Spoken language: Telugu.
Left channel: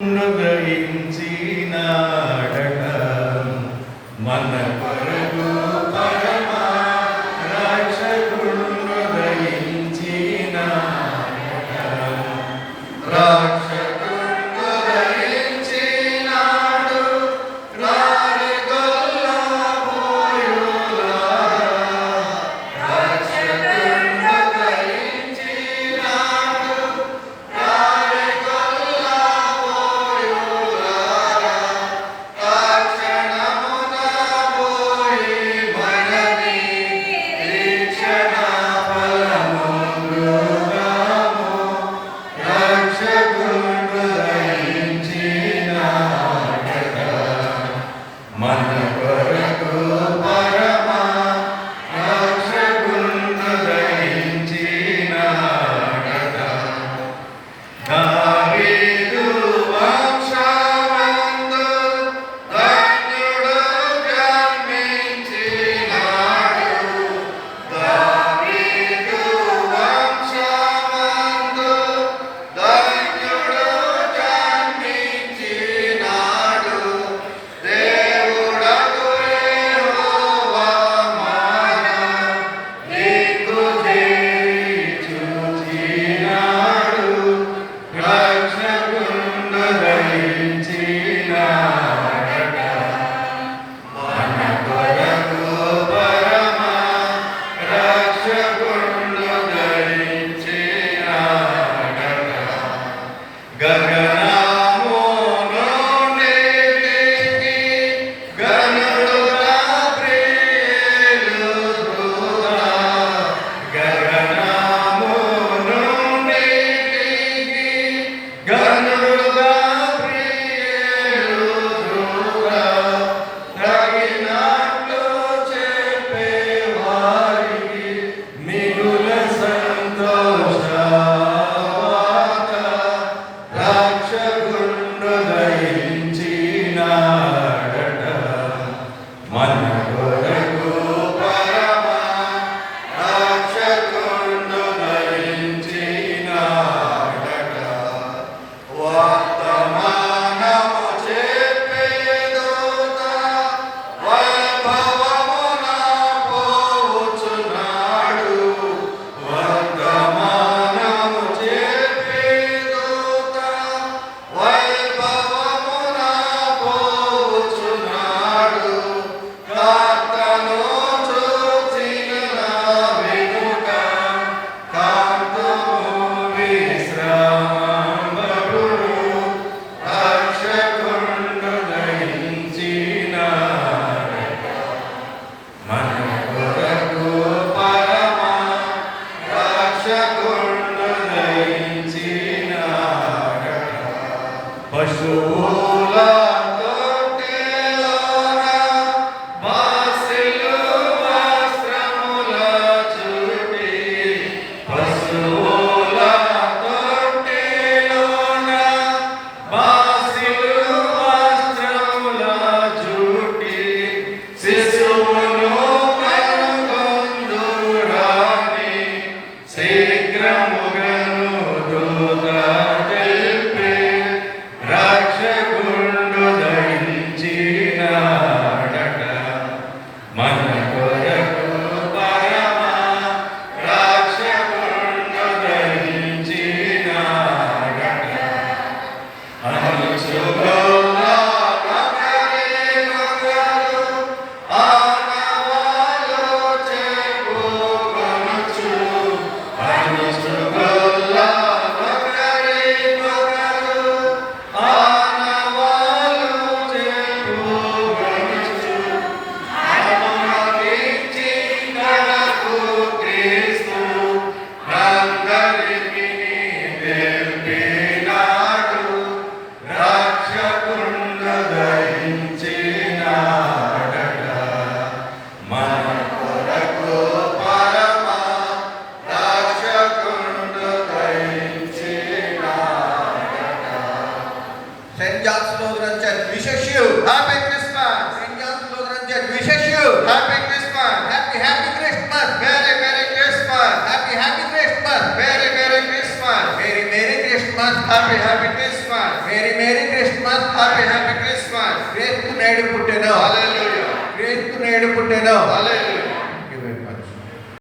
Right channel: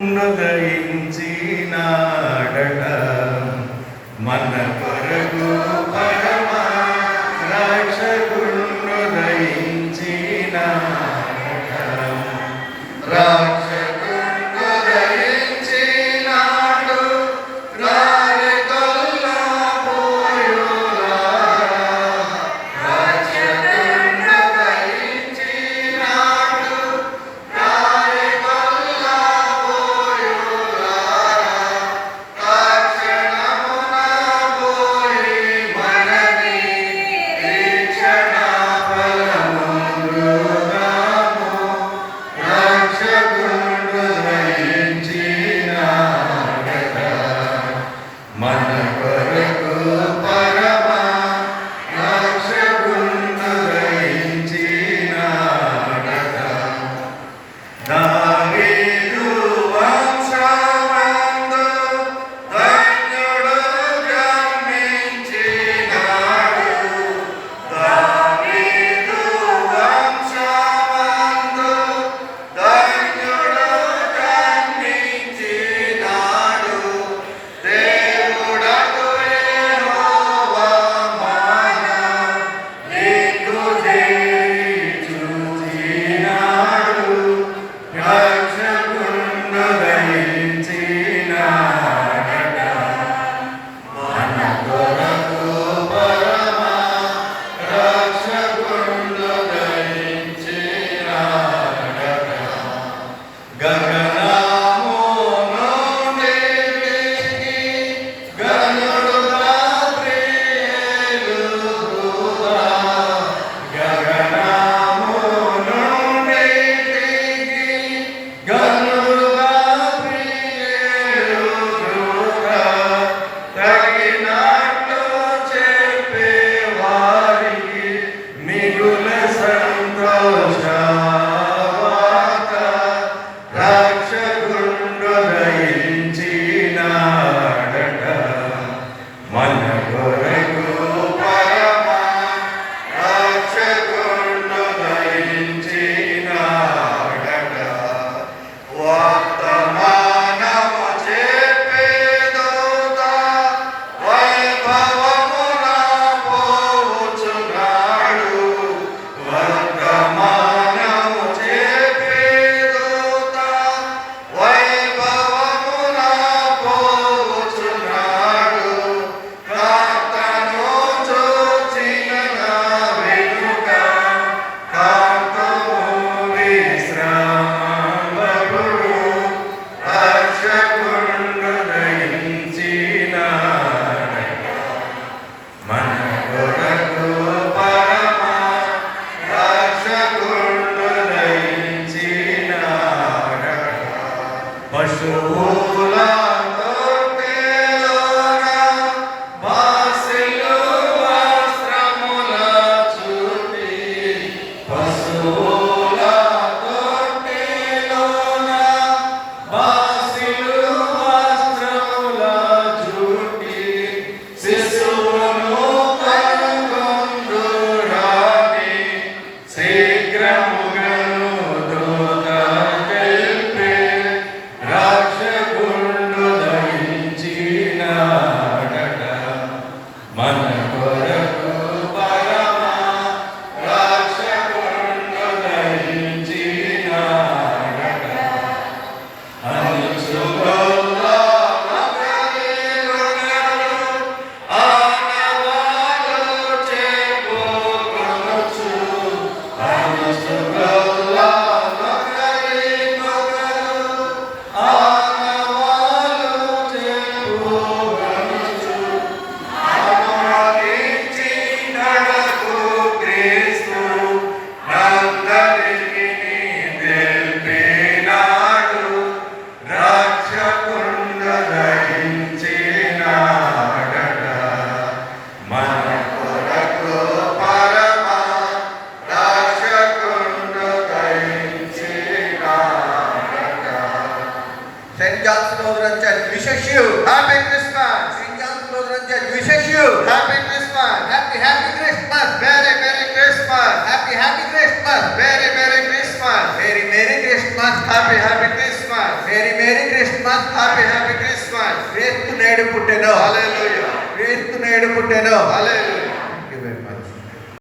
ఉదయించినాడట మన కొరకు పరమ రక్షకుడుదయించినాడట రక్షకుడుదయించినాడు రాలిగొల్లా పోయులా రక్షకుడుదయించినాడు రాలిగొల్లా పోయులా రక్షణమున పోయి మనని రక్షణ ఫలము మృగము రక్షకుడుదయించినాడట మన కొరకు పరమ రక్షకుడుదయించినాడట దావీదు వంశమందు ధన్యుడు జన్మించినాడు దావీదు వంశమందు ధన్యుడు జన్మించినాడు దేవుడగు యెహోవా మన దిక్కు చేయి చూచినాడు రక్షకుడుదయించినాడట మన కొరకు పరమ రక్షకుడుదయించినాడట గగనములో నీటికి గనుడుగా ప్రియులుగా గగనములో నీటికి గనుడుగా ప్రియులుగా తగినట్లు చెప్పేవారికి మిగుల సంతోషవాత రక్షకుడుదయించినాడట మన కొరకు పరమ రక్షకుడుదయించినాడట వర్తమానము చెప్పే దూత వైభవమున పోవుచున్నాడు వర్తమానము చెప్పే దూత వైభవమున పోవుచున్నాడు ప్రార్థను చూచిన వెనుక కాంతము విశ్రామబడును రక్షకుడుదయించినాడట మన కొరకు పరమ రక్షకుడుదయించినాడట పశువుల తొట్టెలోన బాసిలు వస్త్రముల చుట్టి పశువుల తొట్టెలోన బాసిలు వస్త్రముల చుట్టి శిశువును కనుగొందురాని శీఘ్రముగను దూత తెలిపి రక్షకుడుదయించినాడట మన కొరకు పరమ రక్షకుడుదయించినాడట అనుచుగొల్లా నగరేగొగరు ఆనవాలు చెప్పుకొనుచు అనుచుగొల్లా నగరేగొగరు ఆనవాలు చెప్పుకొనుచు అనుమతించినకు క్రీస్తు అందరికీ తెలిపినాడు రక్షకుడుదయించినాడట మన కొరకు పరమ రక్షకుడుదయించినాడట St. John's Lutheran Church wishes you Happy Christmas! St. John's Lutheran Church wishes you Happy Christmas! happy Christmas. Merry Christmas! Happy Christmas. Merry Christmas! Merry Christmas. Happy Christmas! Merry merry Christmas. Happy Christmas. క్రీస్తు నేడు పుట్టెను. Hallelujah. క్రీస్తు నేడు పుట్టెను. Hallelujah.